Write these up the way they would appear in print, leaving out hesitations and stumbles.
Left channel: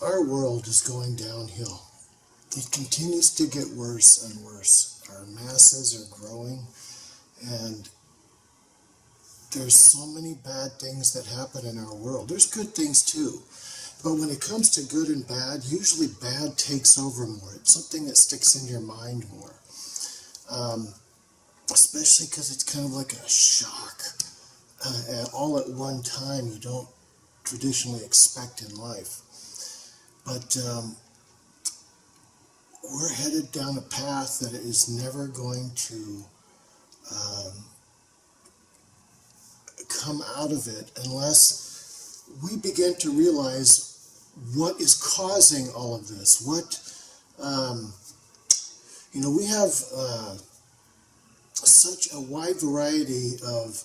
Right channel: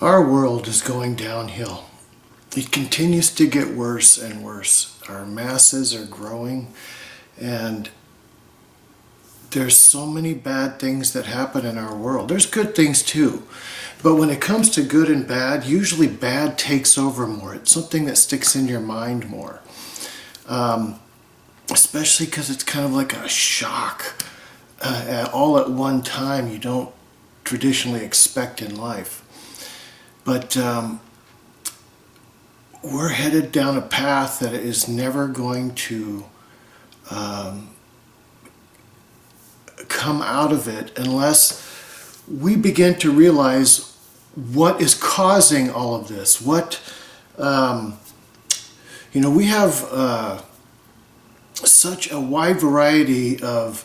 Our world is going downhill. It continues to get worse and worse. Our masses are growing, and there's so many bad things that happen in our world. There's good things too. But when it comes to good and bad, usually bad takes over more. It's something that sticks in your mind more. Especially because it's kind of like a shock all at one time you don't traditionally expect in life. But we're headed down a path that is never going to come out of it unless we begin to realize what is causing all of this. We have such a wide variety of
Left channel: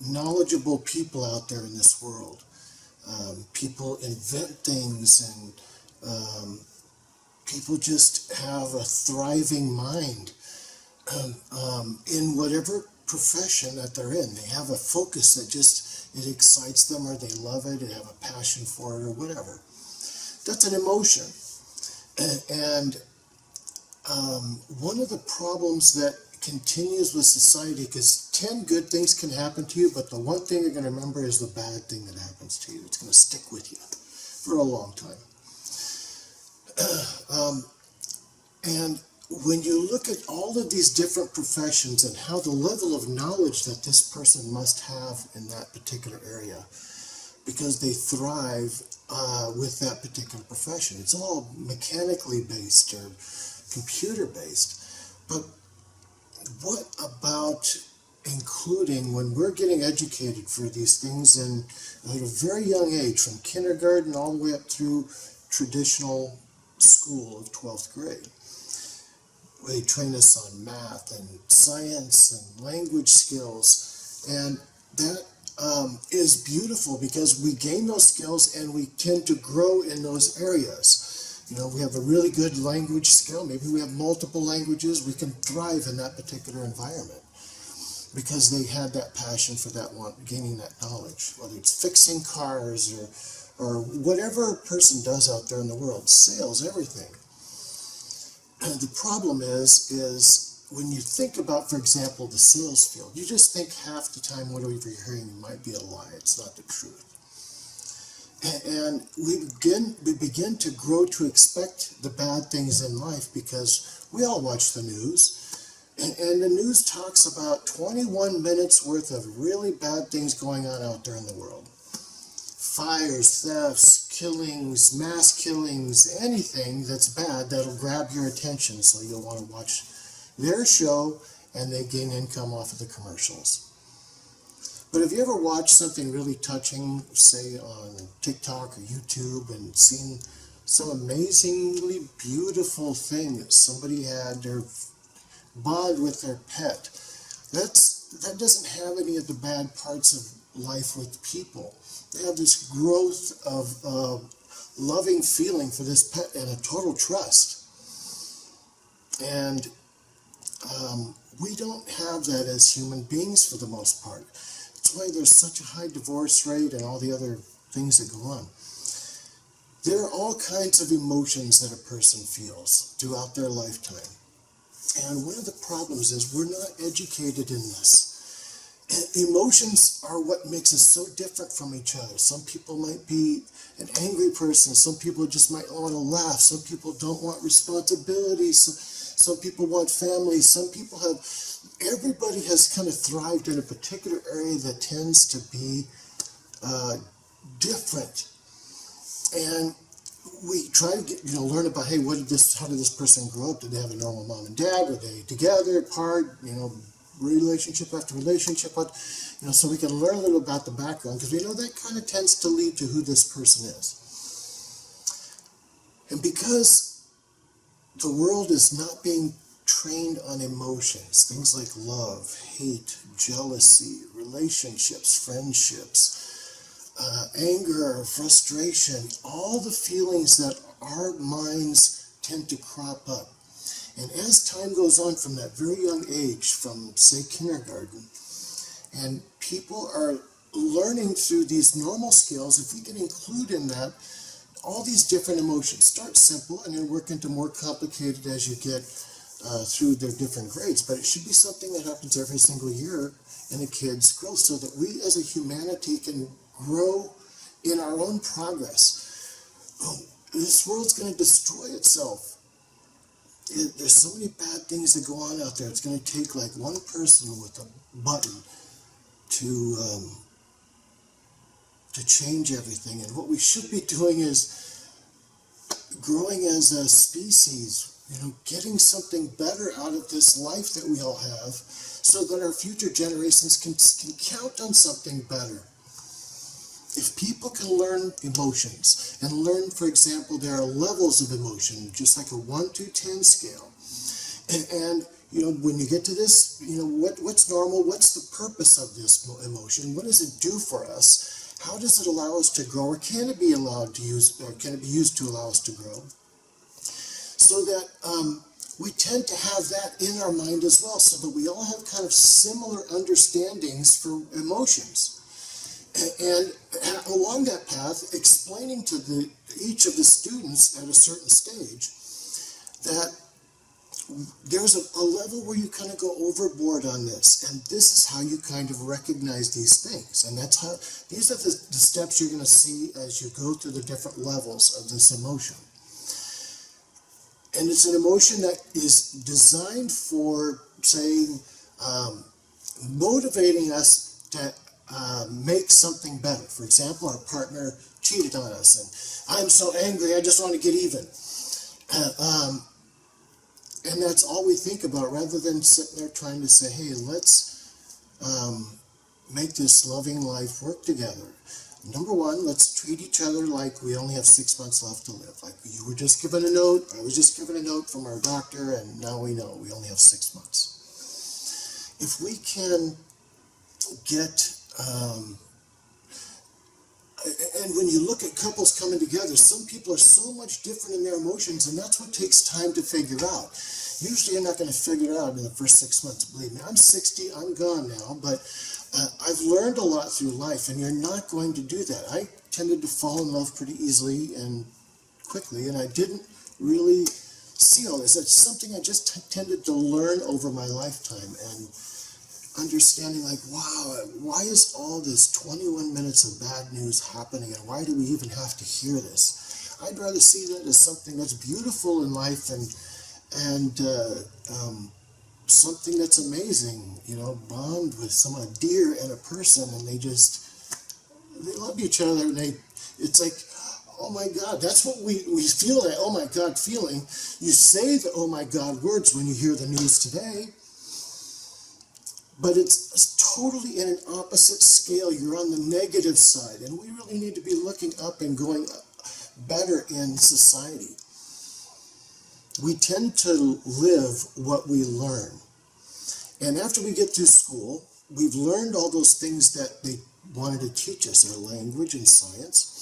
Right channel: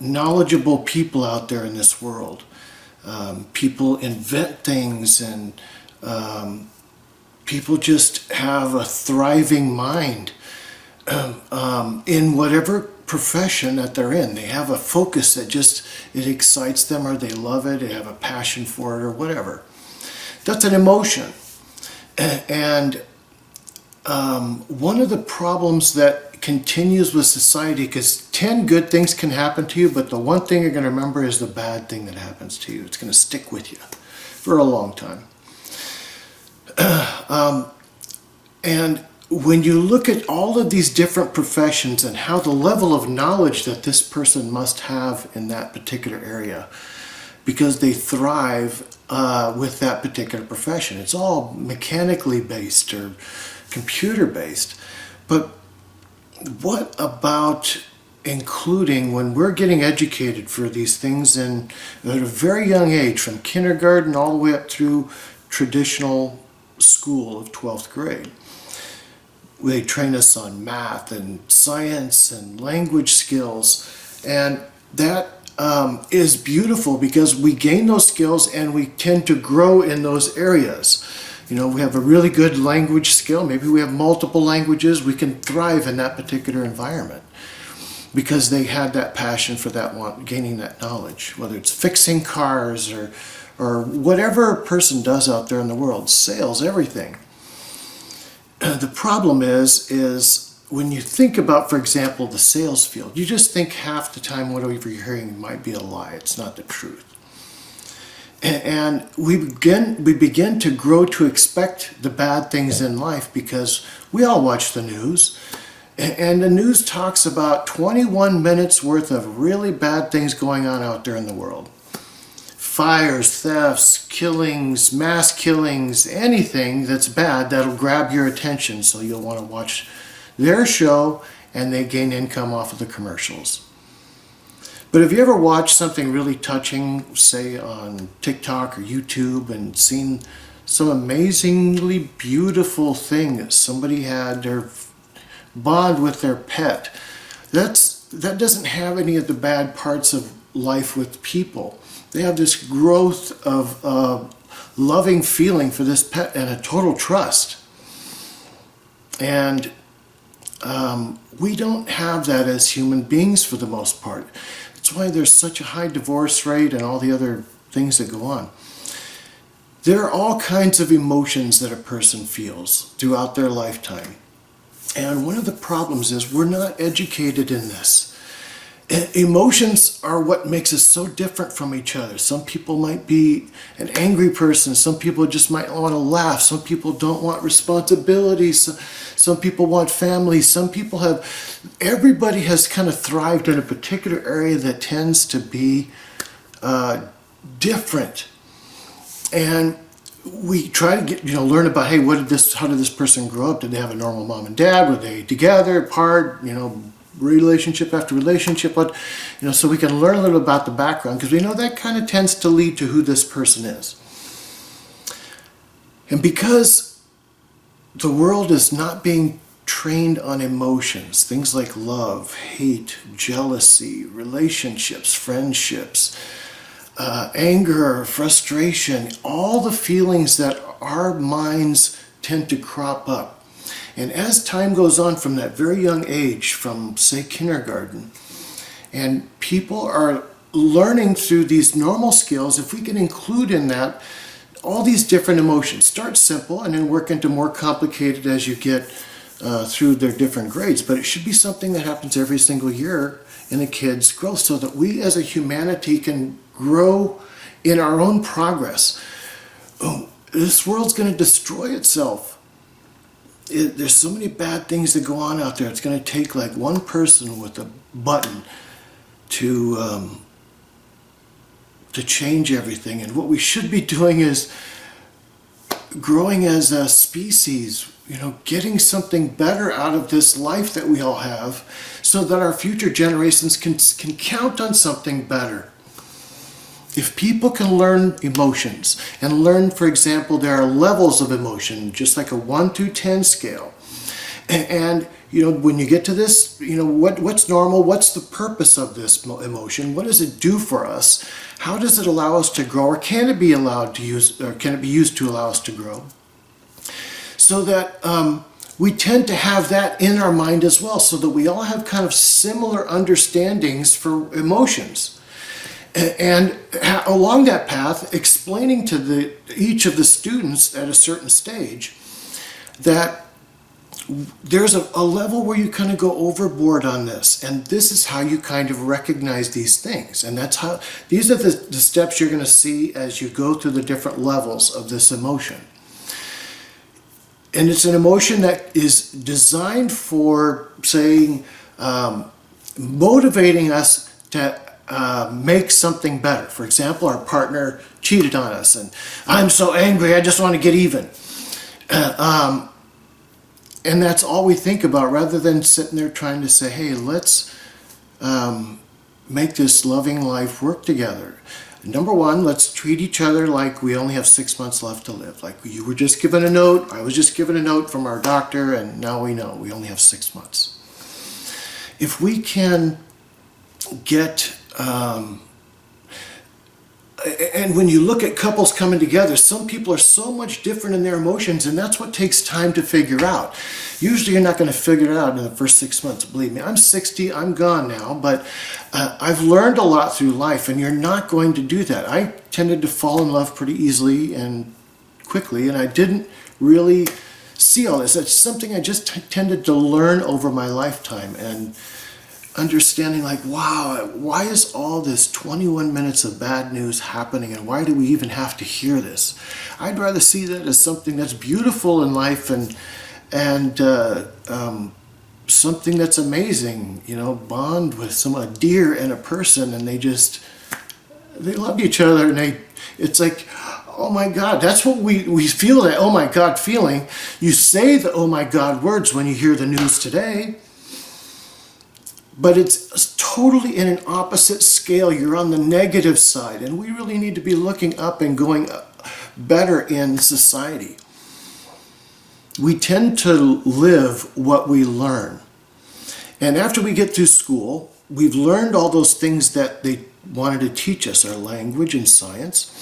knowledgeable people out there in this world. People invent things, and people just have a thriving mind in whatever profession that they're in. They have a focus that it excites them, or they love it, they have a passion for it, or whatever. That's an emotion. And one of the problems that continues with society, because 10 good things can happen to you, but the one thing you're going to remember is the bad thing that happens to you. It's going to stick with you for a long time. And when you look at all of these different professions and how the level of knowledge that this person must have in that particular area, because they thrive with that particular profession. It's all mechanically based or computer based. But what about including, when we're getting educated for these things at a very young age, from kindergarten all the way up through traditional school of 12th grade? They train us on math and science and language skills, and that is beautiful because we gain those skills and we tend to grow in those areas. We have a really good language skill. Maybe we have multiple languages. We can thrive in that particular environment because they had that passion for that one, gaining that knowledge, whether it's fixing cars or whatever a person does out there in the world, sales, everything. The problem is when you think about, for example, the sales field, you just think half the time whatever you're hearing might be a lie. It's not the truth. And we begin to grow to expect the bad things in life because we all watch the news. And the news talks about 21 minutes worth of really bad things going on out there in the world. Fires, thefts, killings, mass killings, anything that's bad that'll grab your attention, so you'll want to watch their show, and they gain income off of the commercials. But have you ever watched something really touching, say on TikTok or YouTube, and seen some amazingly beautiful thing that somebody had their bond with their pet? That doesn't have any of the bad parts of life with people. They have this growth of loving feeling for this pet and a total trust. And we don't have that as human beings for the most part. That's why there's such a high divorce rate and all the other things that go on. There are all kinds of emotions that a person feels throughout their lifetime. And one of the problems is we're not educated in this. Emotions are what makes us so different from each other. Some people might be an angry person. Some people just might want to laugh. Some people don't want responsibilities. Some people want family. Everybody has kind of thrived in a particular area that tends to be different. And we try to learn about, hey, how did this person grow up? Did they have a normal mom and dad? Were they together, apart, relationship after relationship? So we can learn a little about the background, because we know that kind of tends to lead to who this person is. And because the world is not being trained on emotions, things like love, hate, jealousy, relationships, friendships, anger, frustration, all the feelings that our minds tend to crop up. And as time goes on from that very young age, from say kindergarten, and people are learning through these normal skills, if we can include in that all these different emotions. Start simple and then work into more complicated as you get through their different grades. But it should be something that happens every single year in a kid's growth so that we as a humanity can grow in our own progress. This world's going to destroy itself. There's so many bad things that go on out there. It's going to take like one person with a button to change everything. And what we should be doing is growing as a species, getting something better out of this life that we all have so that our future generations can count on something better. If people can learn emotions and learn, for example, there are levels of emotion, just like a 1 through 10 scale. And when you get to this, what's normal? What's the purpose of this emotion? What does it do for us? How does it allow us to grow, or can it be allowed to use, or can it be used to allow us to grow? So that we tend to have that in our mind as well, so that we all have kind of similar understandings for emotions. And along that path, explaining to each of the students at a certain stage that there's a level where you kind of go overboard on this, and this is how you kind of recognize these things. And these are the steps you're going to see as you go through the different levels of this emotion. And it's an emotion that is designed for, say, motivating us to make something better. For example, our partner cheated on us and I'm so angry, I just want to get even. And that's all we think about, rather than sitting there trying to say, hey, let's make this loving life work together. Number one, let's treat each other like we only have 6 months left to live. Like you were just given a note, I was just given a note from our doctor, and now we know we only have 6 months. If we can get and when you look at couples coming together, some people are so much different in their emotions, and that's what takes time to figure out. Usually you're not going to figure it out in the first 6 months. Believe me, I'm 60, I'm gone now, but I've learned a lot through life, and you're not going to do that. I tended to fall in love pretty easily and quickly, and I didn't really see all this. It's something I just tended to learn over my lifetime, and understanding like, wow, why is all this 21 minutes of bad news happening, and why do we even have to hear this? I'd rather see that as something that's beautiful in life and something that's amazing, bond with a deer and a person, and they love each other, and it's like, oh my God, that's what we feel, that oh my God feeling. You say the oh my God words when you hear the news today, but it's totally in an opposite scale. You're on the negative side, and we really need to be looking up and going better in society. We tend to live what we learn. And after we get through school, we've learned all those things that they wanted to teach us, our language and science,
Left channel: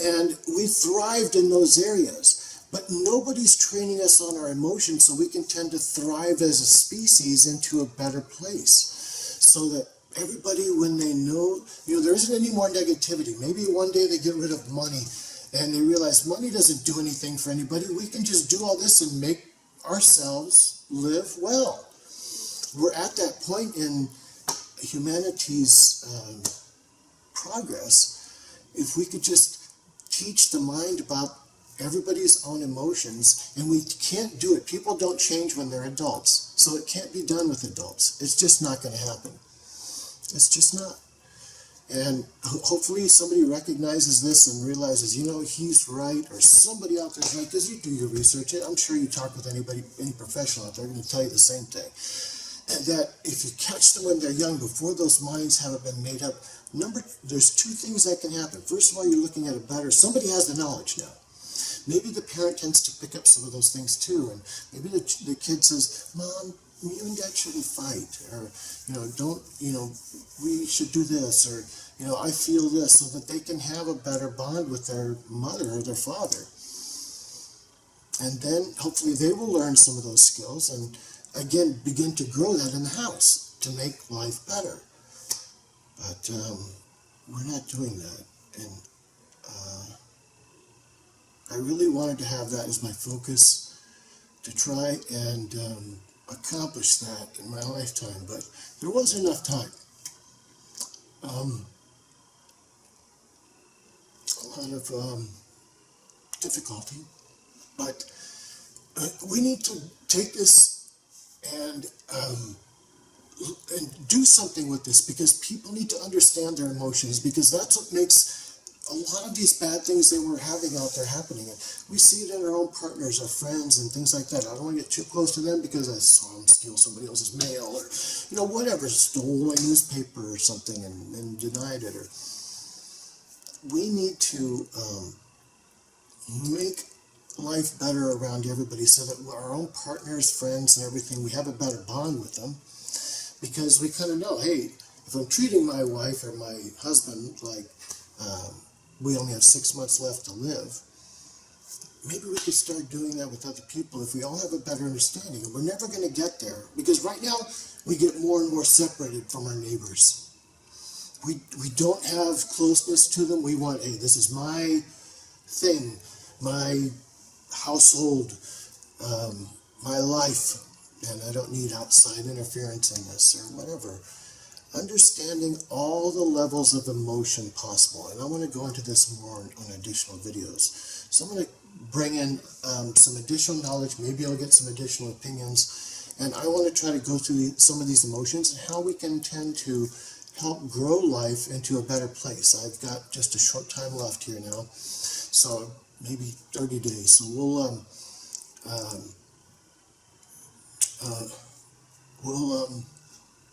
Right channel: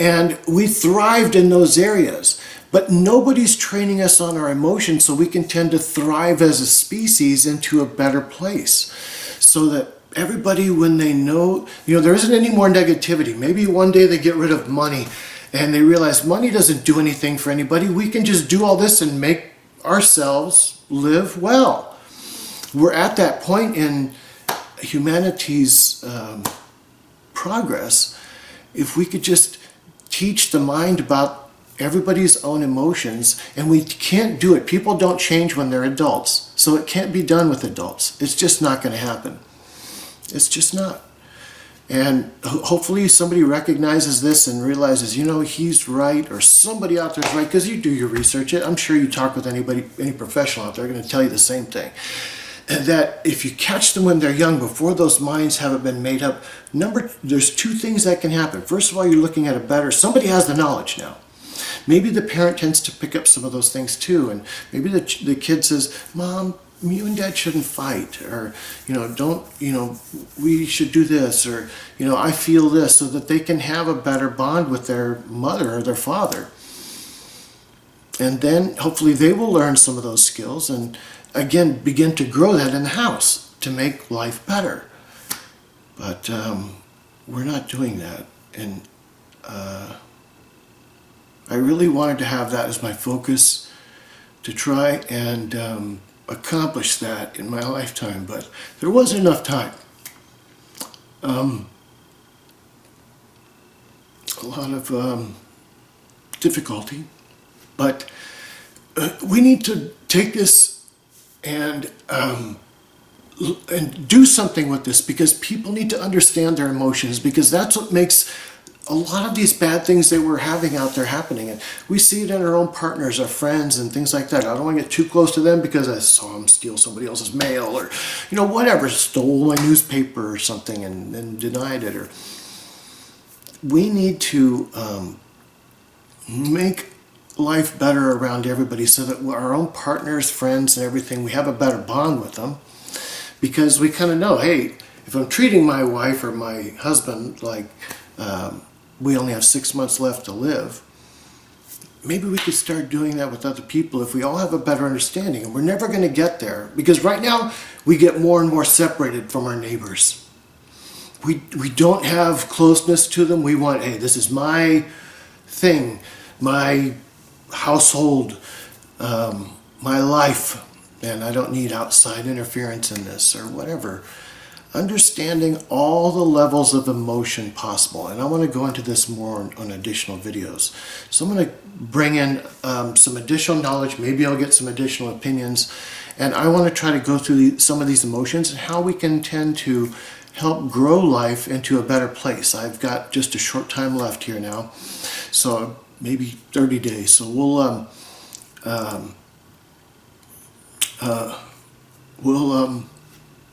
and we thrived in those areas. But nobody's training us on our emotions so we can tend to thrive as a species into a better place. So that everybody, when they know, there isn't any more negativity. Maybe one day they get rid of money and they realize money doesn't do anything for anybody. We can just do all this and make ourselves live well. We're at that point in humanity's progress. If we could just teach the mind about everybody's own emotions, and we can't do it. People don't change when they're adults, so it can't be done with adults. It's just not going to happen. It's just not. And hopefully somebody recognizes this and realizes, he's right, or somebody out there is right, because you do your research. I'm sure you talk with any professional out there, they're going to tell you the same thing. That if you catch them when they're young, before those minds haven't been made up, there's two things that can happen. First of all, you're looking at somebody has the knowledge now. Maybe the parent tends to pick up some of those things too, and maybe the kid says, Mom, you and Dad shouldn't fight, or we should do this, or I feel this, so that they can have a better bond with their mother or their father. And then hopefully they will learn some of those skills and again begin to grow that in the house to make life better. But we're not doing that, and I really wanted to have that as my focus to try and accomplish that in my lifetime, but there wasn't enough time. A lot of difficulty, but we need to take this and do something with this, because people need to understand their emotions, because that's what makes a lot of these bad things that we're having out there happening. And we see it in our own partners, our friends, and things like that. I don't want to get too close to them because I saw them steal somebody else's mail, or whatever, stole my newspaper or something and denied it. Or we need to make life better around everybody, so that our own partners, friends, and everything, we have a better bond with them, because we kind of know, hey, if I'm treating my wife or my husband like we only have 6 months left to live, maybe we could start doing that with other people if we all have a better understanding. And we're never going to get there, because right now we get more and more separated from our neighbors. We don't have closeness to them. We want, hey, this is my thing, my household, my life, and I don't need outside interference in this or whatever. Understanding all the levels of emotion possible. And I want to go into this more on additional videos. So I'm going to bring in some additional knowledge. Maybe I'll get some additional opinions. And I want to try to go through some of these emotions and how we can tend to help grow life into a better place. I've got just a short time left here now. So maybe 30 days. So we'll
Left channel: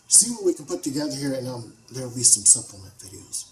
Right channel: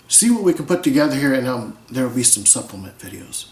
see what we can put together here, and there will be some supplement videos.